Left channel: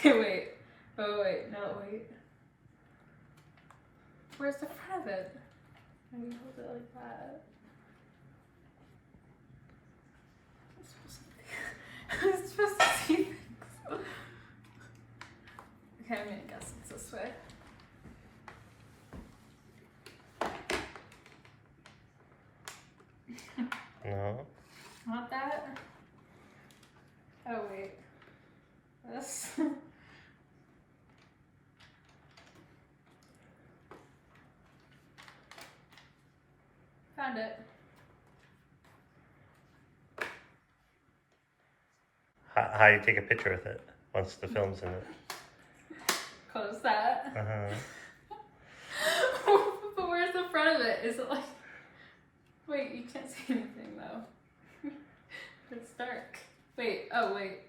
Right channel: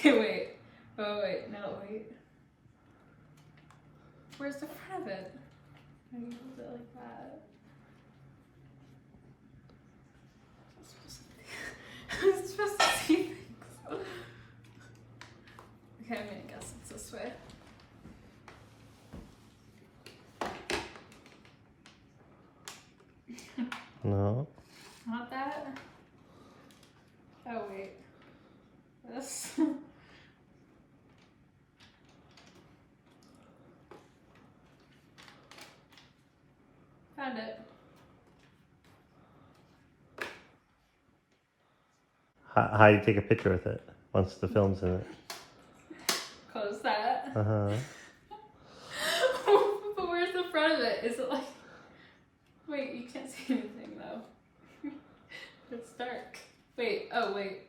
Okay, wait. Oh, wait. No, wait. Where's the front of it? Maybe hold it like that. I'm supposed to see things. Okay, I'm gonna guess it's this way. No. Not that? Oh, wait. This? Found it. How do you take a picture with it once the film's in it? Close that. Uh-huh. But where's the front of it? Is it like... Wait, you can't see anything though. It's dark. Wait, oh wait.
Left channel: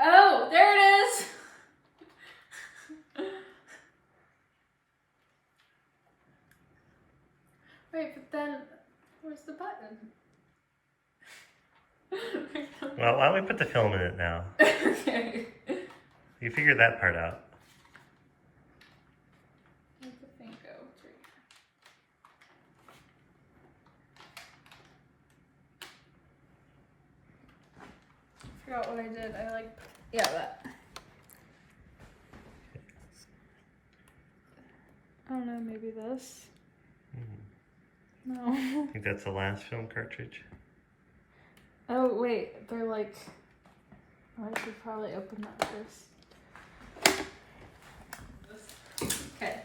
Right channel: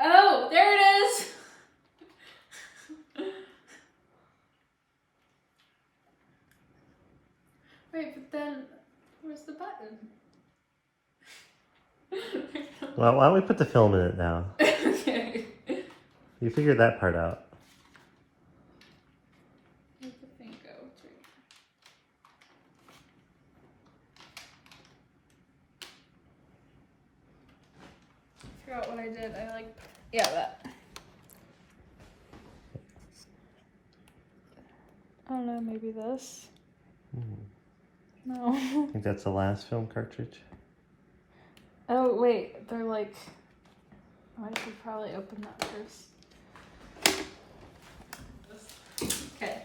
Oh, there it is! Wait, but then, where's the button? Well, why don't we put the film in it now? Okay. You figured that part out. Where'd the thing go? It's right here. I forgot what I did. Yeah, that. I don't know, maybe this? No. I think that's the last film cartridge. Oh, wait, they're like... I should probably open that first. Okay.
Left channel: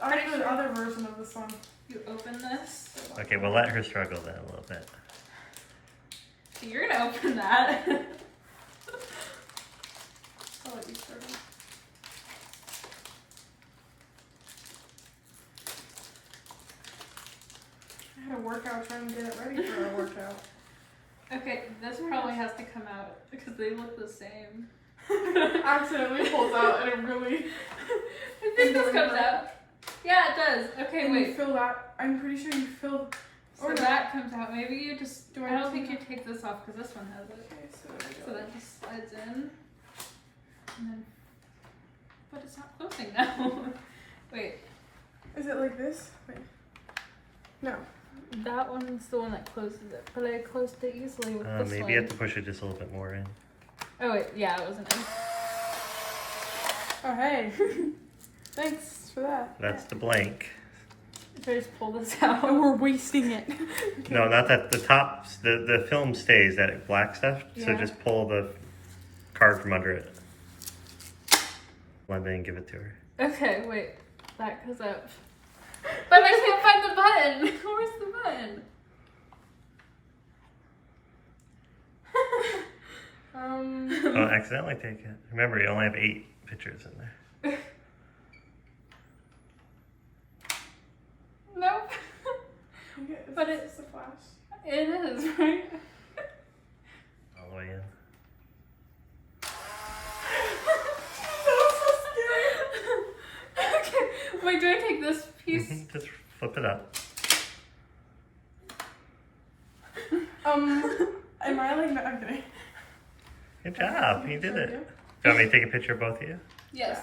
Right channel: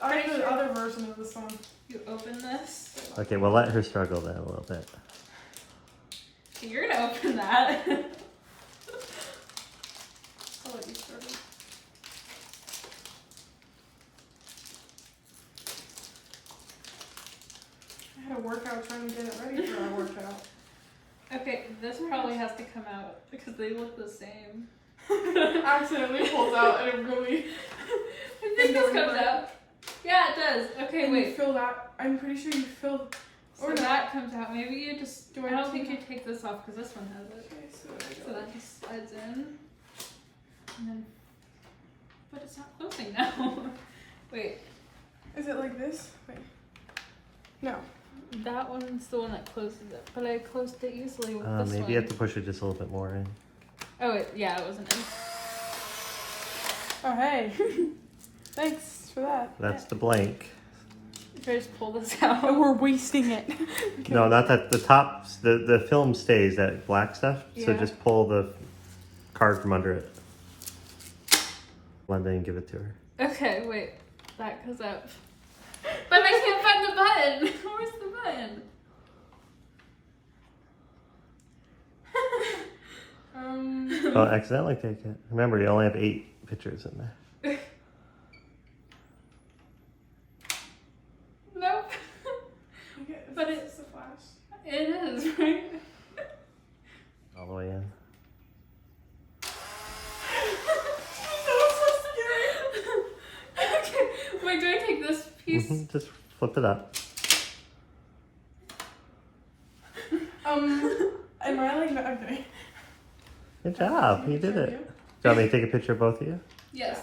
I have the other version of this one. You open this. Okay, we'll let her struggle then a little bit. So you're gonna open that. I'll let you struggle. I had a workout trying to get it ready for our workout. Okay, this probably has to come out because they look the same. Accidentally pulls out and it really... I think this comes out. Yeah, it does. Okay, And wait. you fill that. I'm pretty sure you filled... So that comes out. Maybe you just... I don't have think to- you take this off because this one has it. Okay, so there we So go. that just slides in. And then... But it's not closing now. Wait. Is it like this? Wait. No. That one's the one that closes it. But I closed it easily with this Maybe one. you have to push it just a little bit more in. Oh, yeah, it wasn't in. Oh, hey. Thanks for that. That's the blank. If I just pull this out. Oh, we're wasting it. Okay. No, not that. The top, the film stays, that black stuff. So Yeah. just pull the card from under it. Let me give it to her. Okay, wait. That goes up. But I can't find the button. Where's the button? Oh, accidentally take it. Remember, you only have 8 pictures in there. Nope. But it's a flash. It is, right? All the way in. Okay. Wait, do I take this piece? Just flip it up. Am I like, no, I'm kidding. Good job. You did Should I it. do? Do you want me to take a picture of both of you? Yes.